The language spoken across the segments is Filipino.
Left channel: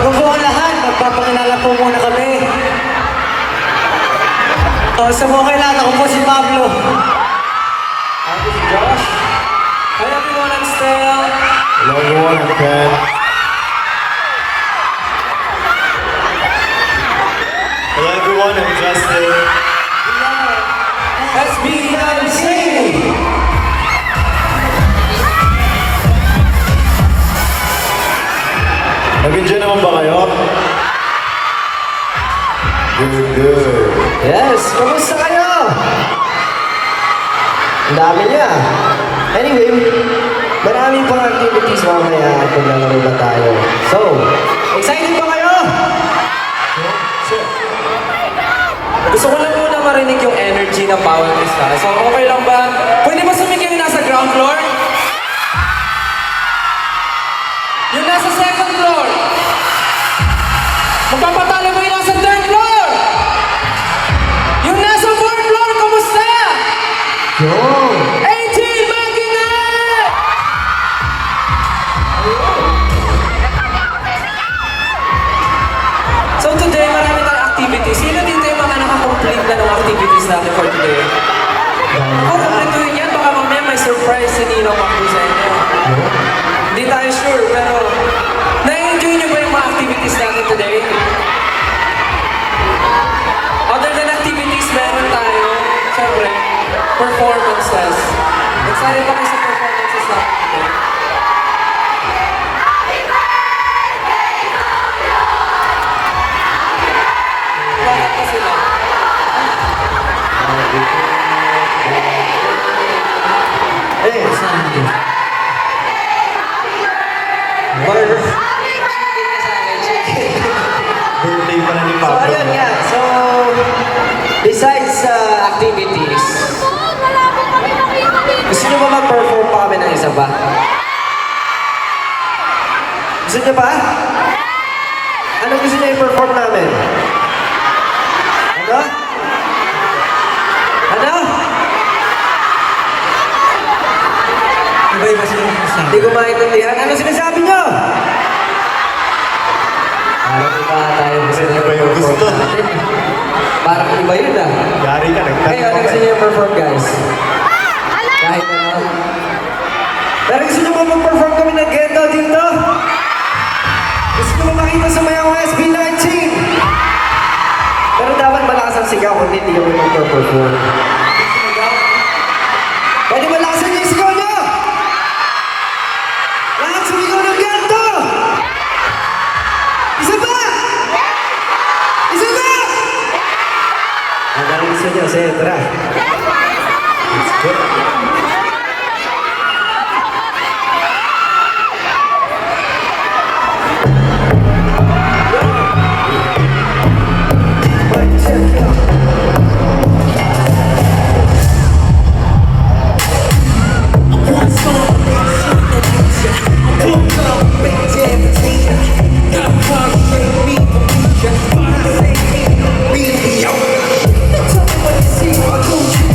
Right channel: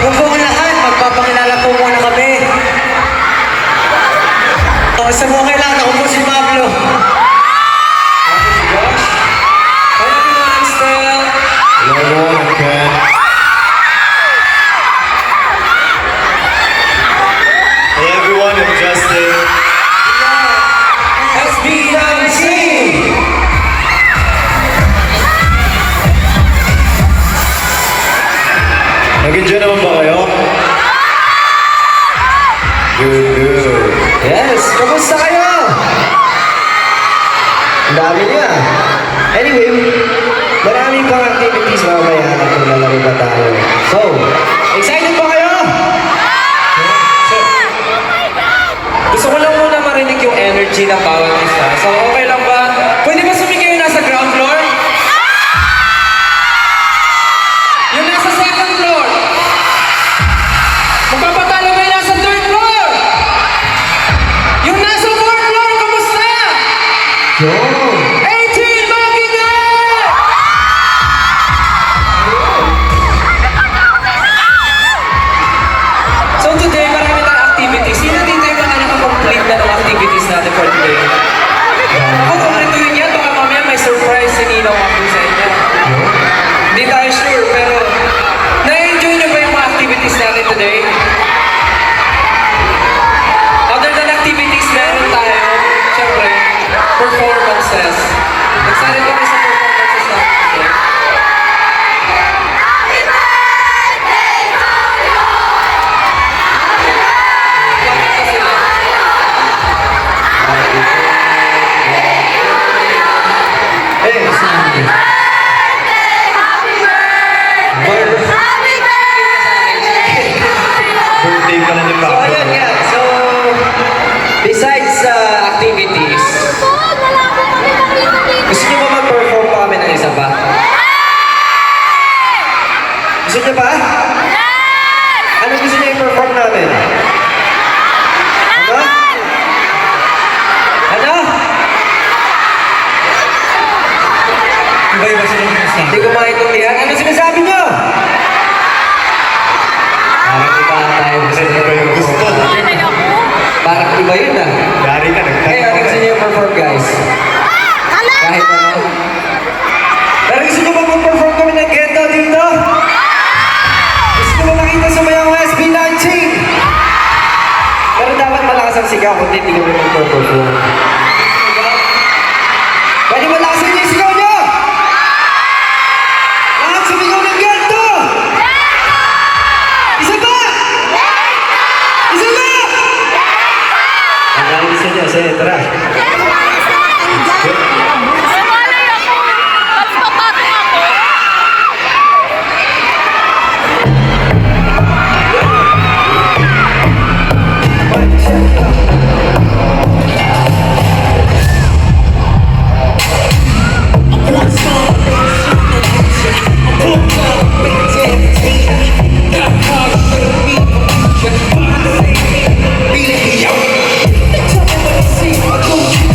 Bago po ang lahat, magpapakilala po muna kami. Sa mga kailangan, ako po si Pablo. Ako si Josh. Hi everyone, I'm Stel. Hello everyone, I'm Ken. Hello everyone, I'm Justin. SB19! Nag-enjoy naman ba kayo? Good. Yes, kamusta kayo? Ang dami niya. Anyway, marami pang activities mamaya kung lalaro ba tayo. So, excited ba kayo? Gusto ko lang muna marinig yung energy ng bawat isa. So, okay lang ba? Pwede ba sumigaw yung nasa ground floor? Yung nasa second floor? Magpapatalo ba yung nasa third floor? Yung nasa fourth floor, kamusta? Yo! 18, bakit na? So today, marami tayong activities. Sino dito yung mga nakakomplete na ng activities natin for today? Kung kompletuhin yan, baka mamaya may surprise si Nino Maku sa inyo. Hindi tayo sure, pero na-enjoy nyo ba yung mga activities natin today? Other than activities, meron tayo, syempre, performances. Excited kami sa performances natin today. Bakit kasi na? Birthday pala ni So, Papa. ayun yan. So, besides activities, gusto nyo ba mag-perform pa kami ng isa ba? Gusto nyo ba? Ano gusto nyo i-perform namin? Ano? Ano? Iba-iba sila yung sinasabi. Hindi ko maintindihan. Ano sinasabi nyo? Parang iba tayo. Iba yung gusto. Parang iba yun ah. Yari ka, Hey, ano gusto niyo perform guys? Kahit ano. Pero gusto ko mag-perform kami ng Ghetto dito? Gusto ko makita sa mga SB19? Pero dapat malakas ang sigaw kung hindi kami mag-perform. Pwede malakasan yung sigaw niyo? Lahat sumigaw ng Ghetto! Isa ba? Isa ba? Ang galing sa niyo, sige, tara. Really, yo. Tell me what you see,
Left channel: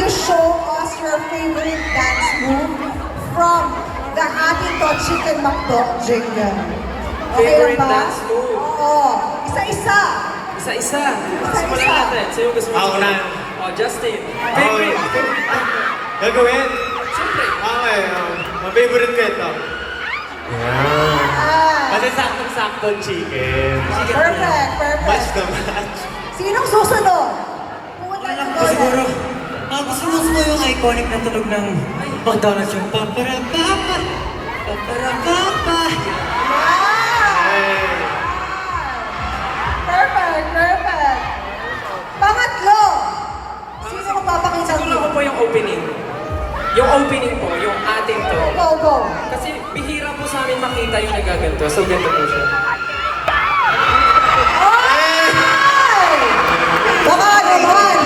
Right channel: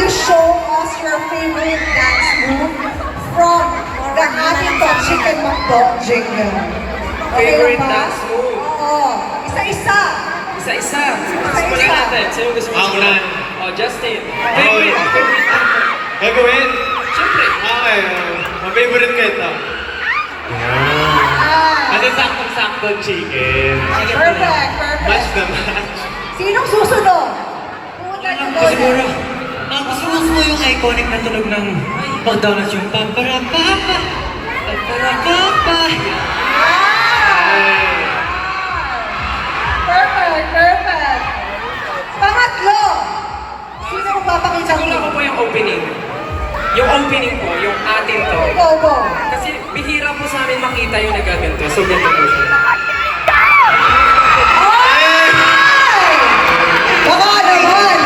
you show us your favorite dance move from the Atito Chicken McDonald jingle? Favorite lang ba? dance move? Oo. Isa-isa. Isa-isa. Simulan natin. Sino gusto mo? Ako na. Oh, Justin. Favorite. Gagawin? Siyempre. Okay. Ma-favorite ko ito. Ah, Kasi saktong-saktong chicken. perfect, perfect. Match na match. Sinong susunod? Pumunta Alam niyo ko doon. siguro, gusto mo yung iconic na tunog ng McDonald's yung paparapapa, paparapapa. Perfect, perfect. Pangatlo. Sino magpapakita Siguro ako po yung opening. Yung opening po, yung atin to. Go, go. Kasi bihira po sa amin makita yung nagaganto. So, ganito po siya. Ay! Baka naman.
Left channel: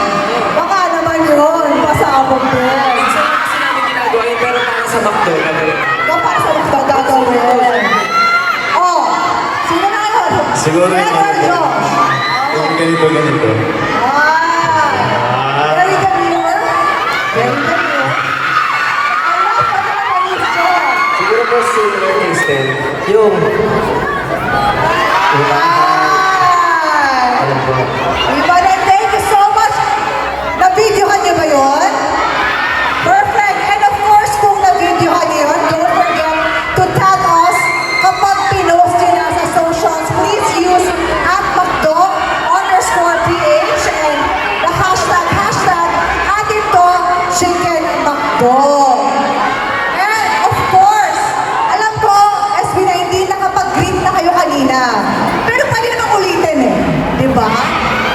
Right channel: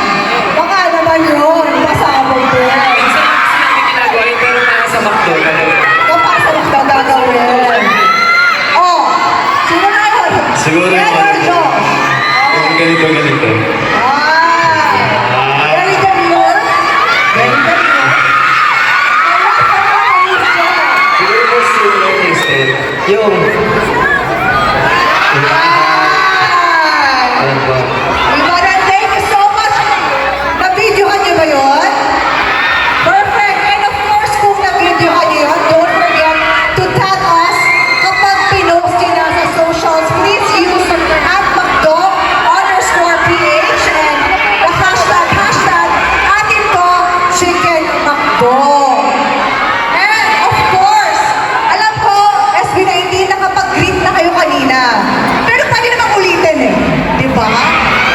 Baka naman yun. Pasabog din. Minsan lang kasi namin ginagawa yun, pero para sa McDo. Kapasabog na gagawin. Oh, sino na yun? Siguro yung Ken or ano. Josh? Yung ganito. Ah! Very demure. Very demure. Ang last na naman is Josh. Siguro po similar to Stay. Yung, Ay! ayan po. Everybody, thank you so much. Na-videohan niyo ba yun? Perfect. And of course, kung na-videohan niyo yun, don't forget to tag us kapag pinost niyo na sa socials. Please use @McDo_PH and the hashtag #AtinToChickenMcDo. And of course, alam ko, SB19, nakapag-greet na kayo kanina. Pero pwede naman ulitin eh. Di ba?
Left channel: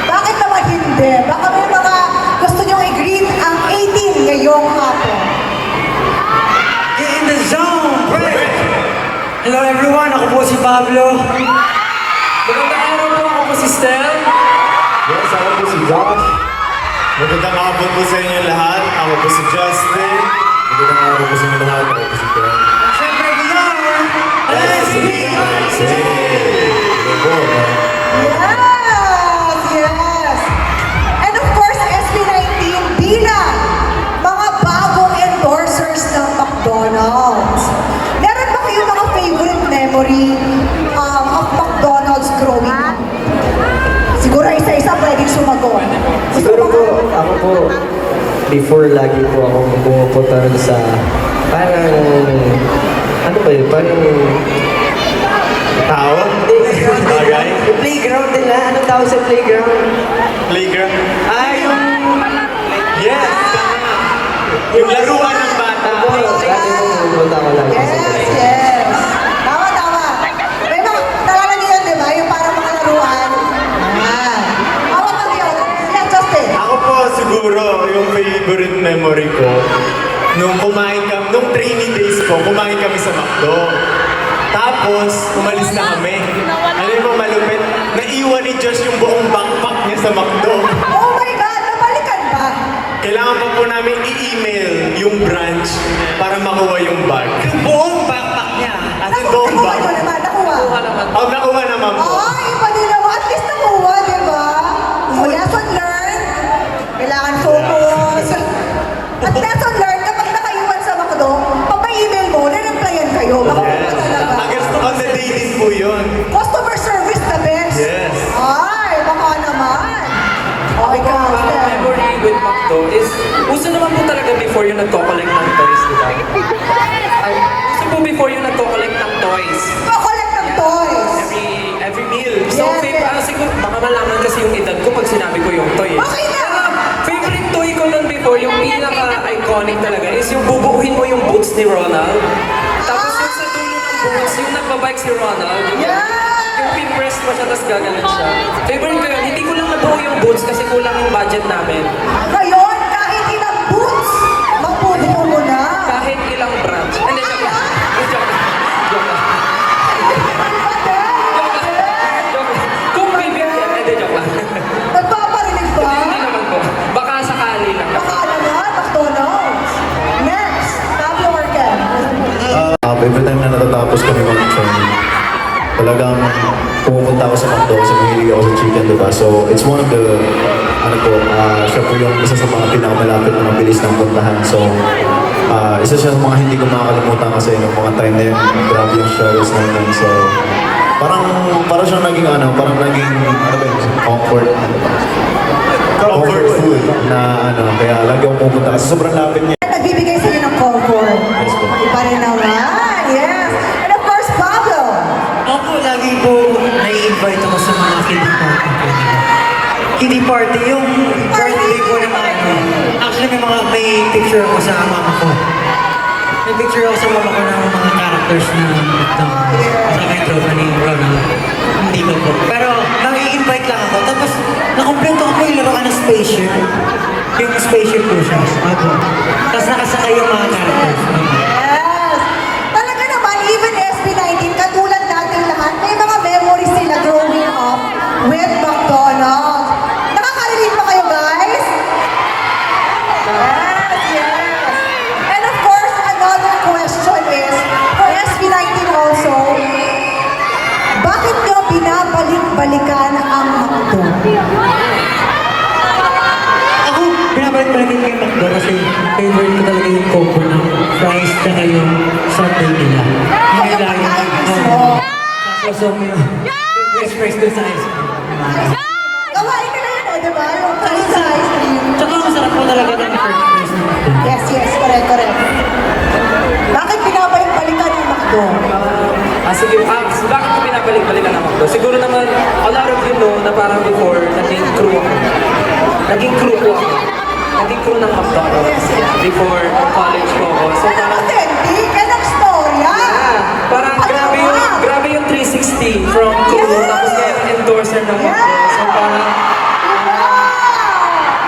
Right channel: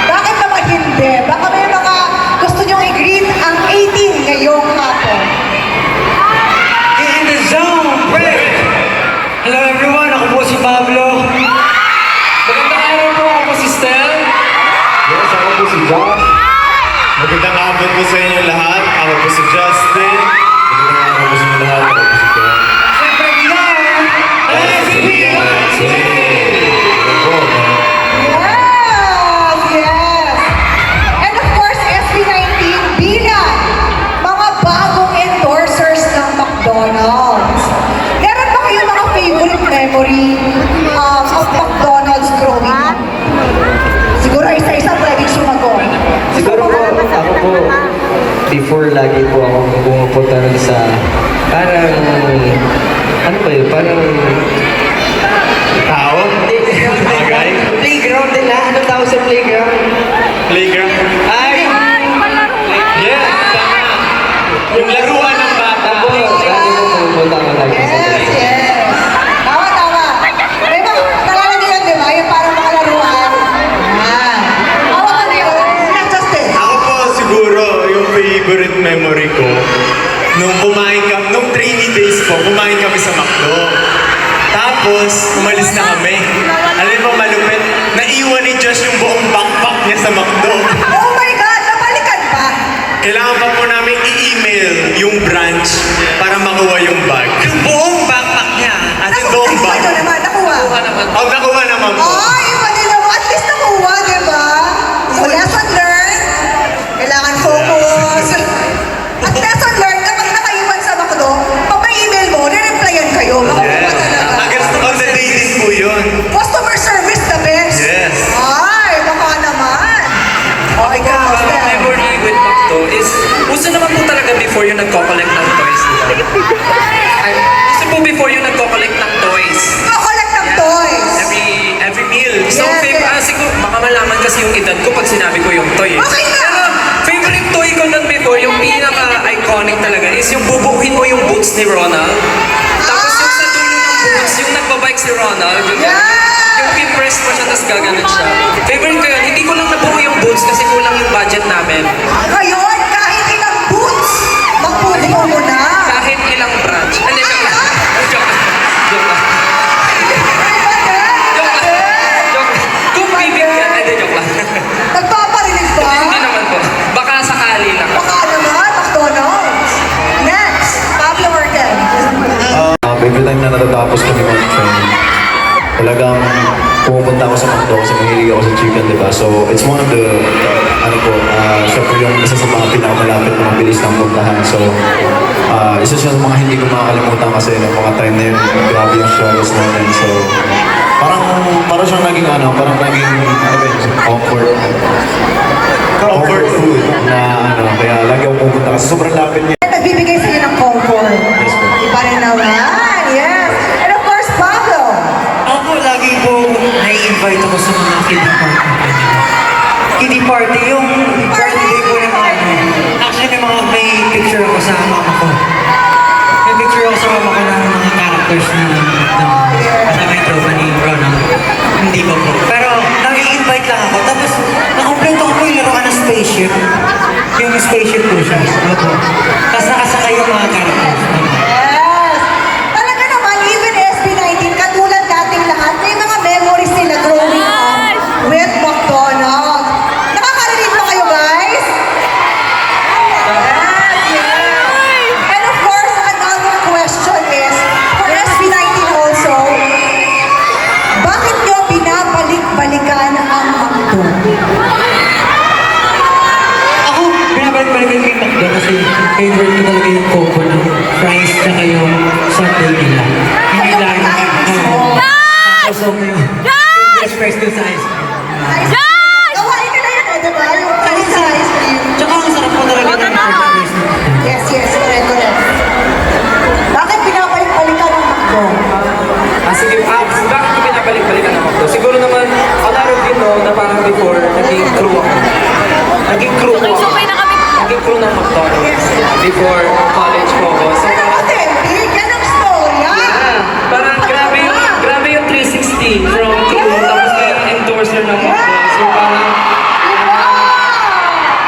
Bakit naman hindi? Baka may mga gusto nyong i-greet ang 18 ngayong hapon. Get in the zone, break! Hello everyone, ako po si Pablo. Magandang araw po, ako po si Stel. Yes, ako po si Josh. Magandang hapon po sa inyo lahat. Ako po si Justin. Magandang hapon po sa inyo lahat. Ako po si Ken. Siyempre, we are SB19! Yes! Yes! And of course, SB19 bilang mga bagong endorsers ng McDonald's. Meron ba kayong mga favorite memory of McDonald's growing up? Siguro isa-isa pwedeng sumagot. Siguro po, ako po, before lagi po ako pumupunta rin sa parang, ano ba yun, parang, Tao? Bagay? playground din na, anong tawag sa playground? Playground? Ay, Yes! Tama! Yung laruan ng bata. ako, lagi po pumupunta ako lagi sa Yes, yes. Tama, tama. May mga, nalala niyo yun, di ba? Yung parang mga laruan. Yan. Awa ka niyo. Sila, Justin. Ako po siguro, yung favorite memory ko, nung training days ko, kumain kami sa McDo. Tapos, umalis na kami. Alam mo, malupit, naiwan ni Josh yung buong backpack niya sa McDo. Oh my God, nabalikan ba? Kailangan pa po namin i-email yung branch para makuha yung bag. Yung buong backpack niya. As in, buong Nakuha bag. nyo naman, nakuha. Kuha naman. Oh, nakuha naman po. Ay, iba din naman. At least nakuha, di ba? So, lesson learned. Kailangan focus. At lesson learned, kapag nakaiwan sa McDo, pag may email mo, re-replyan kayo. Makukuha talaga. Against on the day din po yun. Customer service the best. Yes. Ay, baka naman. Okay ka, Ang Stel. memory with McDo is, uso naman po talaga before yung nagko-collect ng toys, di ba? Ay, uso po before yung nagko-collect ng toys. Collect ng toys. Every meal. So, Yes, yes. siguro, baka malaman kasi yung edad ko pag sinabi ko yung toy. Okay na. Pero, favorite toy ko nun before, yung pinaka-iconic talaga, is yung bubuuhin mo yung boots ni Ronald. Tapos yung sa dulo ng boots, yung nagbabike si Ronald. Yung pin-press pa siya, tapos gaganon siya. Favorite ko yun. Hindi ko lang nabuo yung boots kasi kulang yung budget namin. Ngayon, kahit ilang boots, mapubuo mo na. Kahit ilang branch. Hindi, joke lang. Joke lang. Joke lang. Iba din. Joke lang. Joke lang. Kung bibigyan, hindi, joke lang. Nagpaparinig ba? Hindi naman po. Baka sakali lang. Baka naman, McDonald's. Next, Pablo Orten. Every time na natatapos kami mag-training, talagang pumupunta ako sa McDo kasi mahilig ako sa chicken, diba? So, it's one of the ano po, siya po yung isa sa mga pinakamalapit na mabilis ng puntahan. So, isa siya sa mga hindi ko makakalimutan kasi nung mga time na yun, grabe yung struggles namin. So, parang siyang naging parang naging comfort food na kaya lagi akong pupunta kasi sobrang lapit niya. Nagbibigay sa iyo ng comfort. Yes po. Iba rin naman. Yes. And of course, Pablo. Ako lagi po nai-invite ako sa mga kiddie party. Kiddie party, yung birthday ko ng Actually, may picture ako sa mama ko. May picture ako sa mama ko ng mga characters na kasama yung tropa ni Ronald. Hindi ko po. Pero nai-invite lang ako. Tapos, nakompleto ko yung laro ka ng spaceship. Yung spaceship po siya. Opo. Tapos nakasakay yung mga characters. Yes. Talaga naman, even SB19, katulad nating lahat, may mga memories nila growing up with McDonald's. Nakaka-relate ba kayo, guys? Yes, yes. And of course, another question is, for SB19 also, bakit nyo binabalik-balikan ang McDo? Ako, binabalik-balik yung McDo kasi favorite ko talaga yung coco ng fries tsaka yung sundae nila. Hindi Ano lang yung pagkain gusto? Gusto ko yung fresh fries dun sa ice cream. Gawain nila yun eh, di ba? Yung fries sa ice cream. Tsaka ang sarap ko talaga ng fresh fries na McDo. Yes, yes, correct, correct. Bakit binabalik-balikan ang McDo? Sige, bakit ko pinabalik-balikan ang McDo? Siguro naman, a lot of you know na parang before, naging crew ako. Naging crew ko ako. Naging crew ng McDonald's before college po ako. So Yan ang parang, authentic, yan ang storya. parang grabe yung 360 from crew, tapos kayo yung endorser ng McDo. So parang,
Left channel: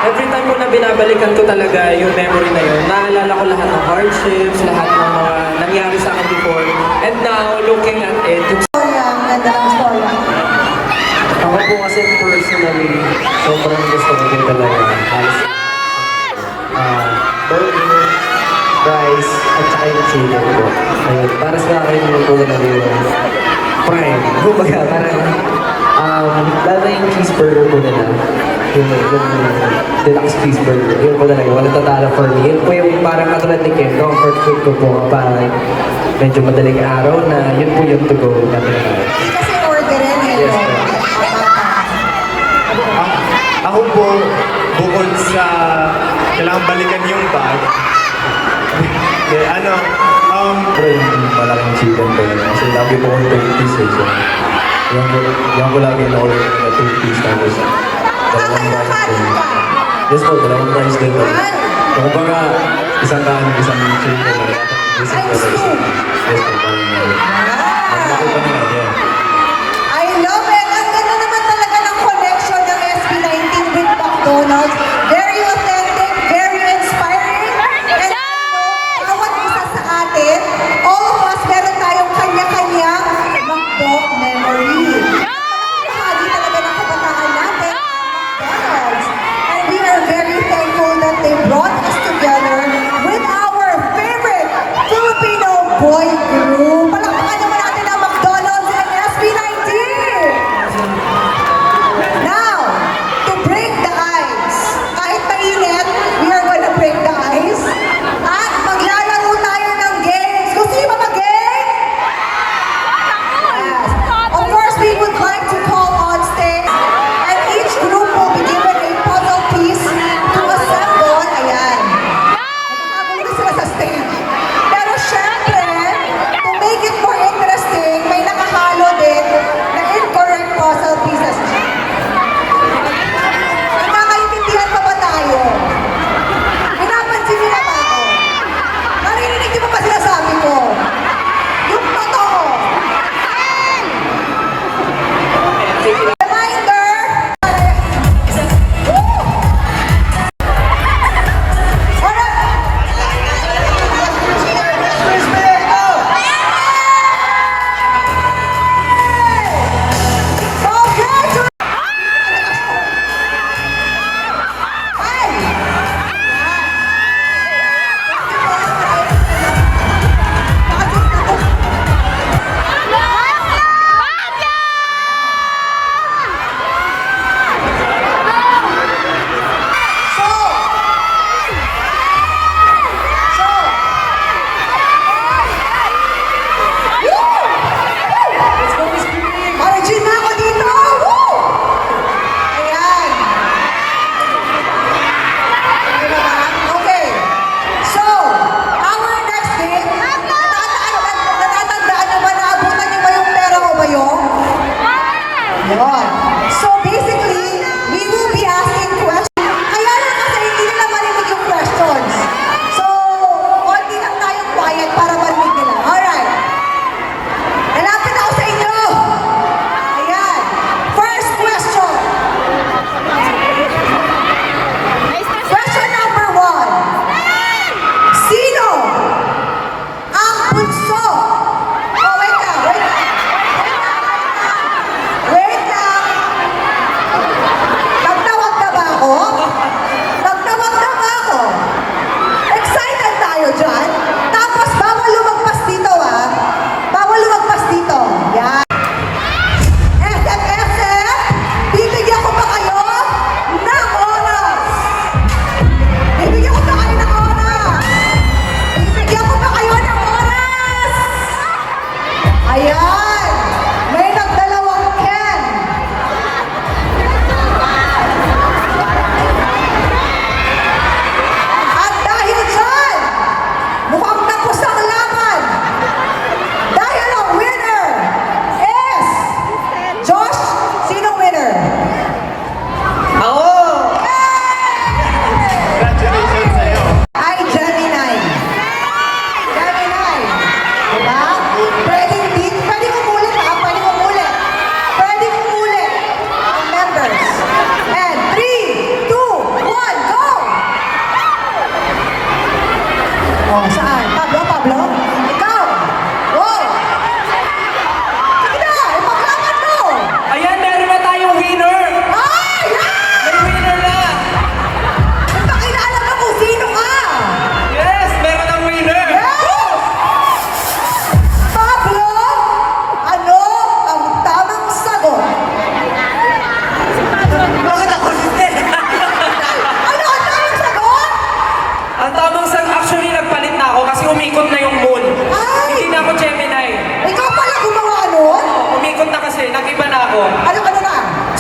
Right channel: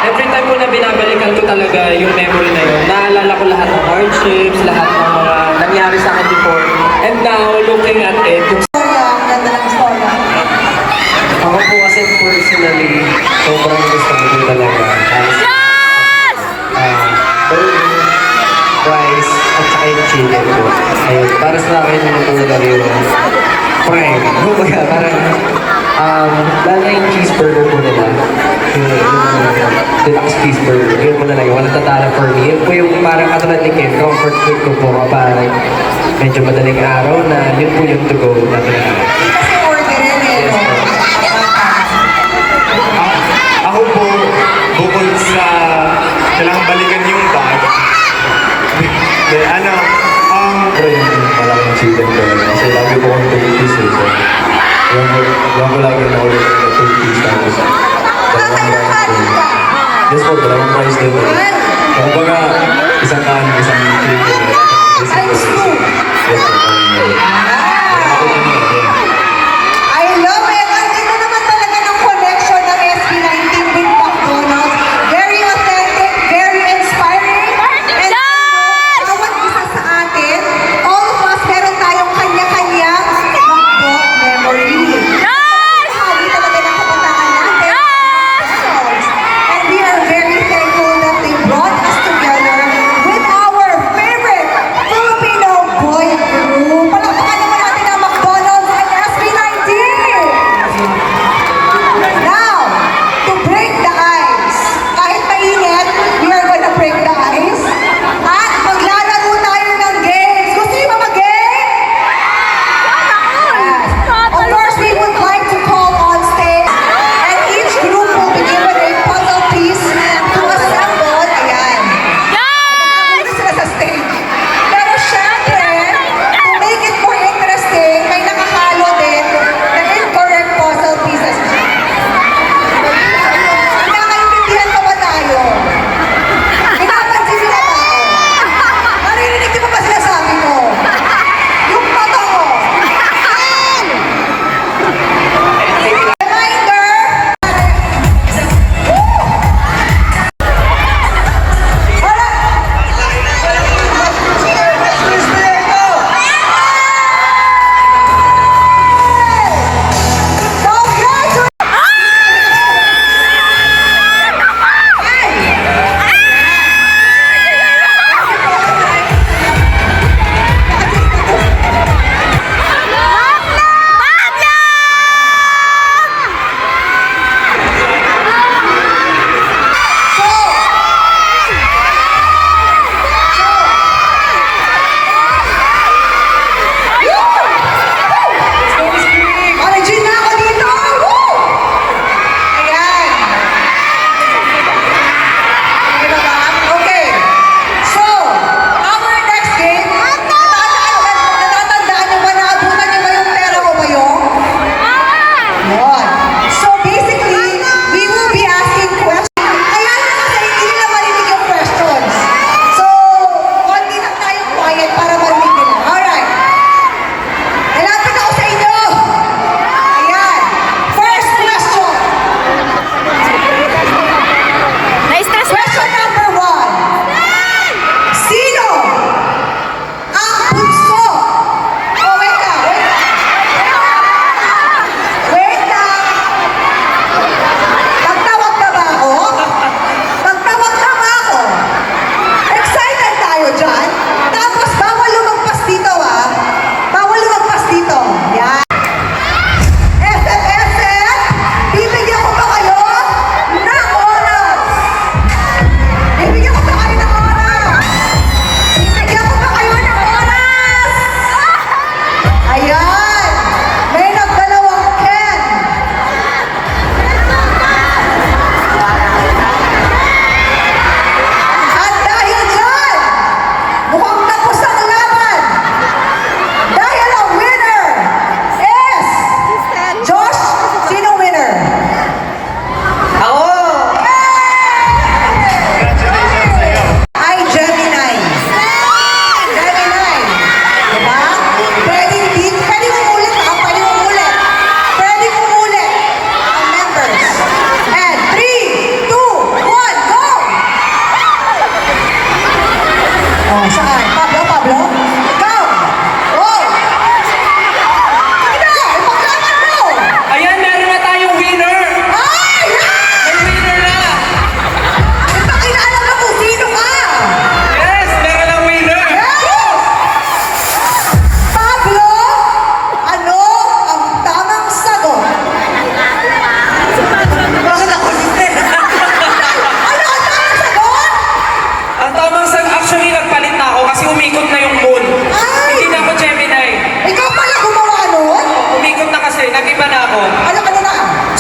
every time ko na binabalikan ko talaga yung memory na yun, naalala ko lahat ng hardships, lahat ng mga nangyari sa akin before. And now, looking at it, yung Storya, ang ganda ng storya. Ako po kasi personally, sobrang gusto ko din talaga. Burger, fries, at saka yung chicken po. Ayun, para sa akin yung talaga yung prime. Kumbaga, parang, lalo na yung cheeseburger po nila. Yung deluxe cheeseburger. Yun po talaga, walang tatalo for me. Yun po yung parang katulad ni Ken, comfort food ko po kapag medyo madaling araw na yun po yung to go na talaga. Kasi orderin eh. Yes, po. Ako po, bukod sa kailangan balikan yung bag, Pero yung malaking chicken ko yun. Kasi lagi po akong 2 piece eh. So, yan ko lagi na ulit na 2 piece tapos dalawang rice din. Yes po, dalawang rice din po. Kung baga, isang kanin, isang chicken. Times two. Yes po, ako pa nila, yeah. I love it. Ang ganda naman talaga ng connection ng SB19 with McDonald's. Very authentic, very inspiring. And bawat isa sa atin, all of us, meron tayong kanya-kanyang McDo memory. Bahagi talaga ng kabataan natin, McDonald's. And we are very thankful that they brought us together with our favorite Filipino boy group. Palakpakan naman natin ang McDonald's and SB19!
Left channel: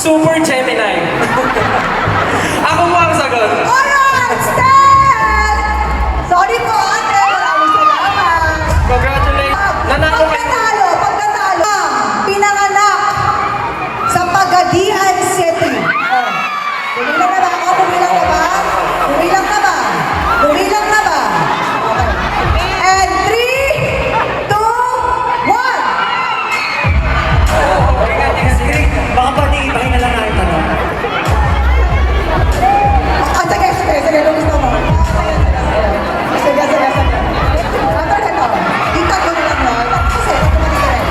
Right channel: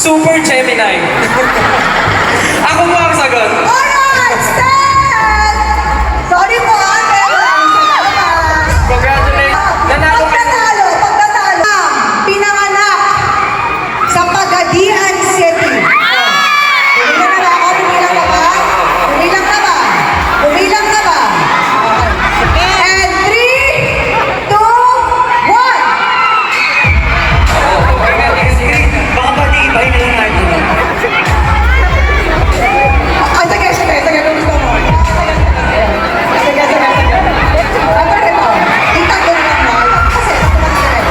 Super Gemini. Ako po ang sagot. Alright, Stan! Sorry po, ate. Maraming salamat. Congratulations. Nanalo ka na. Pagkatalo, pinanganak sa Pagadian City. Pumilang na ba ako? Pumilang na ba? Pumilang na ba? Pumilang na ba? Okay. And 3, 2, 1. Baka pwede ibahin na lang natin tanong. Ah, sige, sige, sige, kung gusto mo. Sige, sige, sige. Ano ito? Itago na lang mo. Kasi, ito na rin.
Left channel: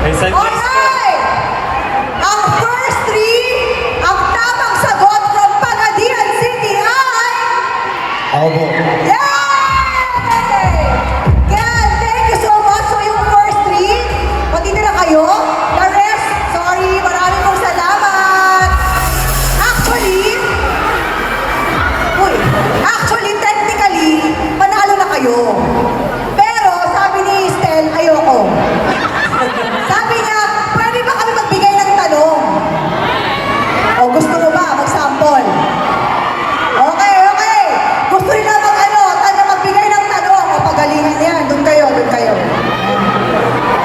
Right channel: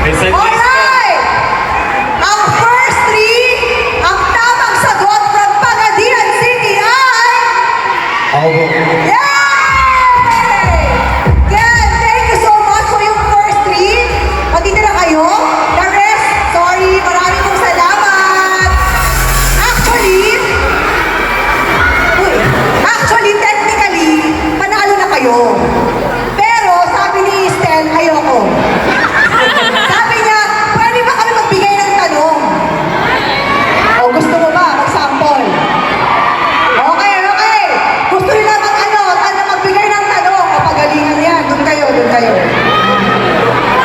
May suggest po. Alright! Ang first three, ang tamang sagot from Pagadian City ay... Ako po. Yay! Yan, thank you so much for yung first three. Matitira kayo. The rest, sorry, maraming pong salamat. Actually, technically, panalo na kayo. Pero, sabi ni Stel, ayoko. Sabi niya, pwede ba kami magbigay ng tanong? O, gusto mo ba mag-sample? Okay, okay. Gusto nila magbigay ng tanong. O, pagalingan yan. Doon kayo, doon kayo.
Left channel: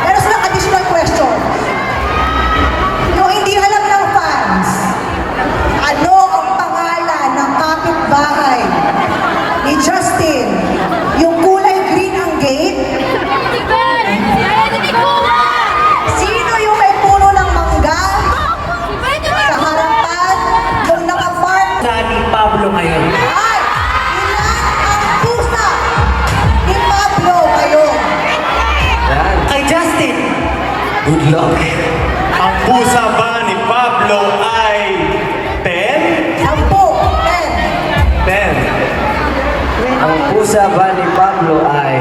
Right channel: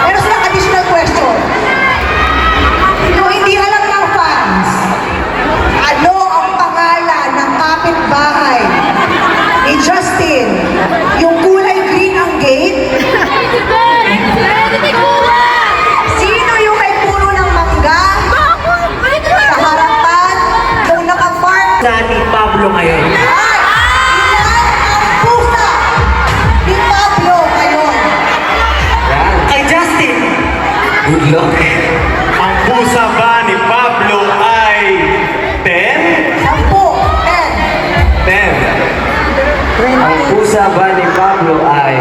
Pero silang additional question. Yung hindi alam ng fans, ano ang pangalan ng kapitbahay ni Justin? Yung kulay green ang gate? Sino yung may puno ng mangga? Sa harapan, yung nakapark? Sa ni Pablo ngayon. Ay! Ilan ang pusa ni Pablo ngayon? Yan. Kay Justin. Good luck. Ang pusa ba ni Pablo ay 10? 10. 10. Ang pusa ba ni Pablo ay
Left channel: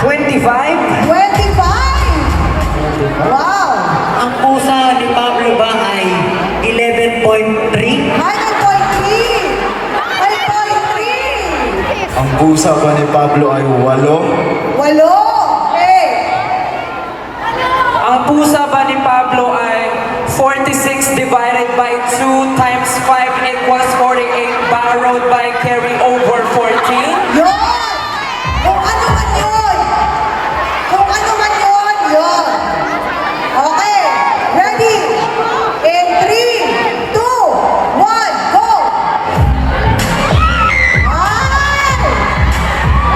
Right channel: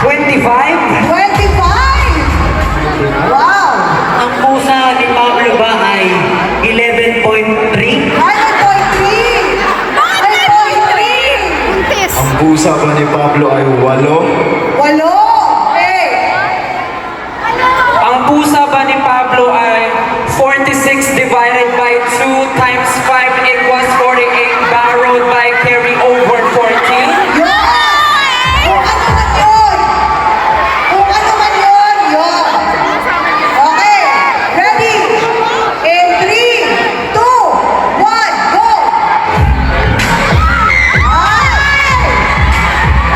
25? 25! Wow! Ang pusa ni Pablo ba ay 11.3? 9.3! 9.3! Ang pusa ba ni Pablo ay 8? Walo! Hey! Ang pusa ba ni Pablo ay 46 divided by 2 times 5 equals 48 borrowed by carry over 14? Yun! Kung ano man yun! Kung ano man yun, yun! Okay! Ready? In 3, 2, 1, go! Ay!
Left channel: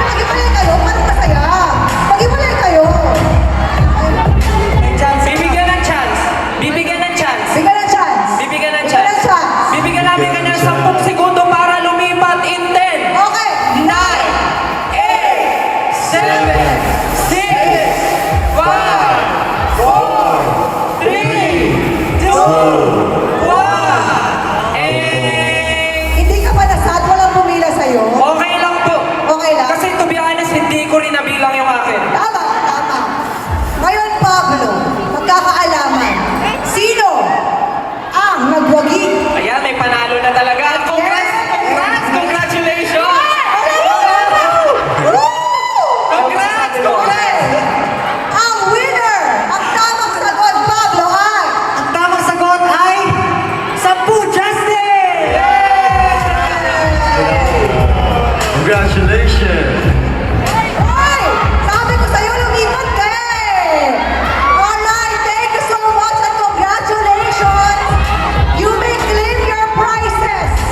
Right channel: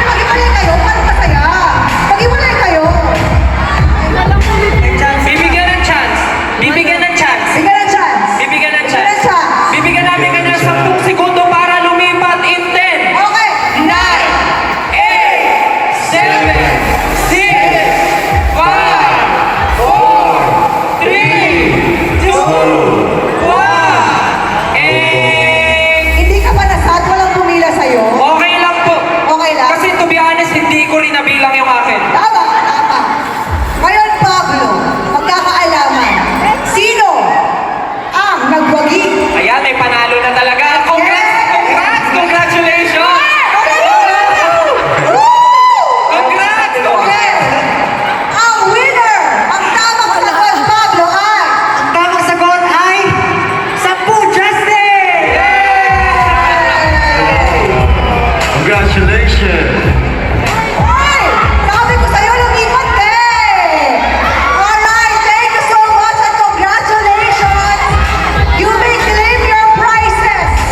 Mag-iwalay kayo? Paano masaya? Mag-iwalay kayo! May chance. Bibigyan ng chance. Bibigyan ng chance. Bigyan ng chance! Bibigyan ng Bigyan ng chance. chance! Bibigyan namin ka ng 10 segundo para lumipat in 10, Okay! 9, 8, 7, 6, 5, 4, 3, 2, 1, and... Hindi ka pa nasad, walang pumila sa'yo. Okay lang po. Okay lang? Kasi to be honest, hindi ko rin nabilang yung akin. Tama, tama. Ngayon, Pablo, magkakaalaman. Sino ang nagwagi? Ayan, may panalo na talaga. Congrats! Congrats! Congratulations! Woo! Congrats! Okay. Congrats! Ang winner, ang tamang sagot, Pablo, ay... Ang tamang sagot ay 10 Justin! Congratulations! Hoy! Sabi ko sa'yo, lumipat ka eh! Alright, thank you so much and congratulations! You may claim your prizes!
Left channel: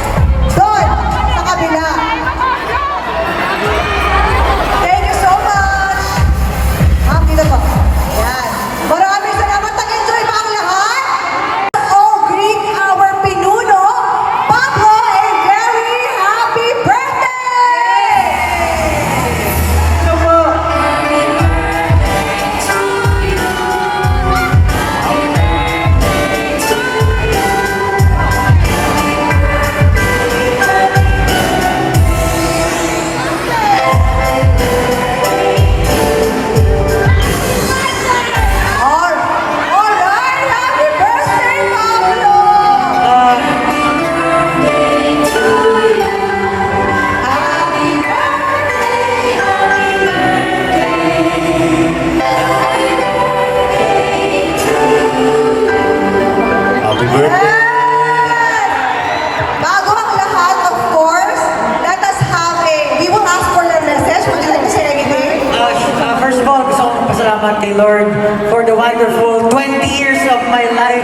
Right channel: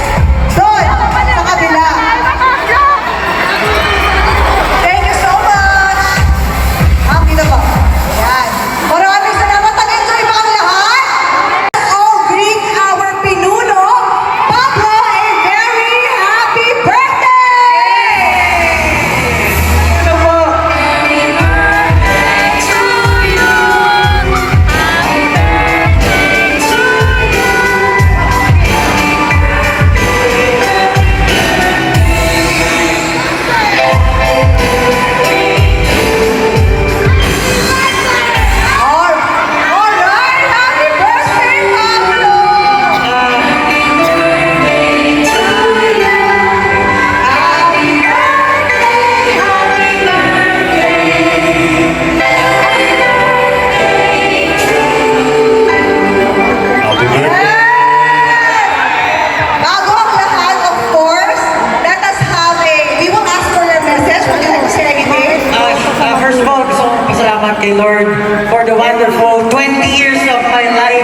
Lord for the wonderful 20 years of my life.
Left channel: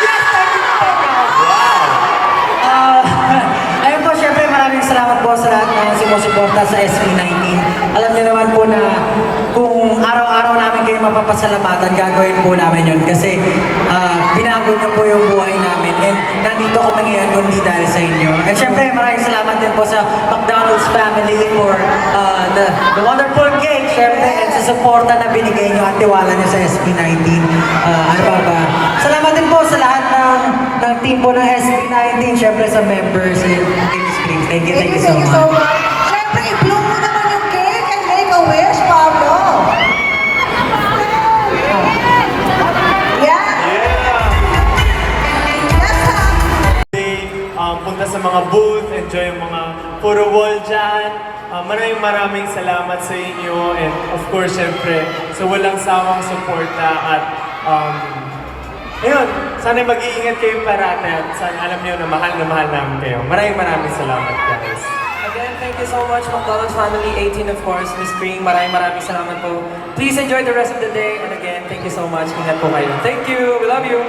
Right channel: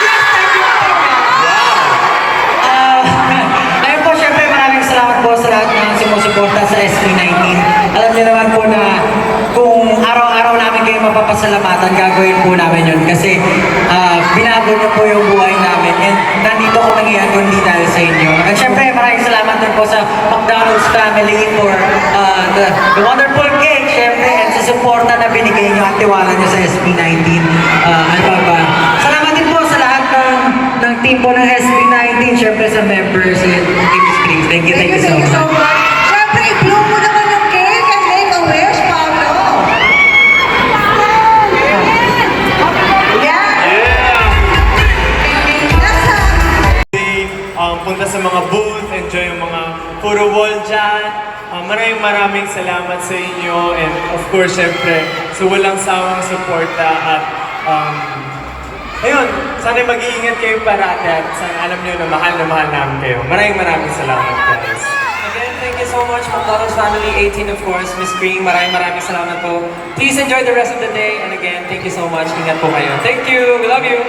Yes, thank you po. Ayun po, syempre maraming salamat po sa lahat ng sumusuporta sa SB19. Alam niyo naman po na kung araw-araw namin kayo mapapasalamatan, gagawin po namin yun kasi binago niyo po yung buhay namin and nandito ko ngayon kundi dahil sa inyo. At syempre maraming salamat din po sa McDonald's family for the wonderful cake, syempre, and sa suporta na binigay niyo at tiwala niyo sa SB19. Ano pa ba? Salamat din po sa lahat ng team po ng SB19, syempre sa members and Team Screens. Thank you so much. Siyempre, i-blow mo naman yung cake and make a wish, Pablo. Yeah. That's Punta sa mga booth, enjoy yung mga puro wall dyan. Maraming salamat sa inyo and of course, syempre, sa walang sawang suporta at ayun, sana mag-iingat kayo parati at sana alam nyo na mahal namin kayo. Maraming salamat, guys. Again, thank you so much, McDonald's family, 18 of course, Miss Green, maraming salamat po. Please enjoy the rest of the day, and again, thank you so much. Ingat po kayo. Thank you, we love you.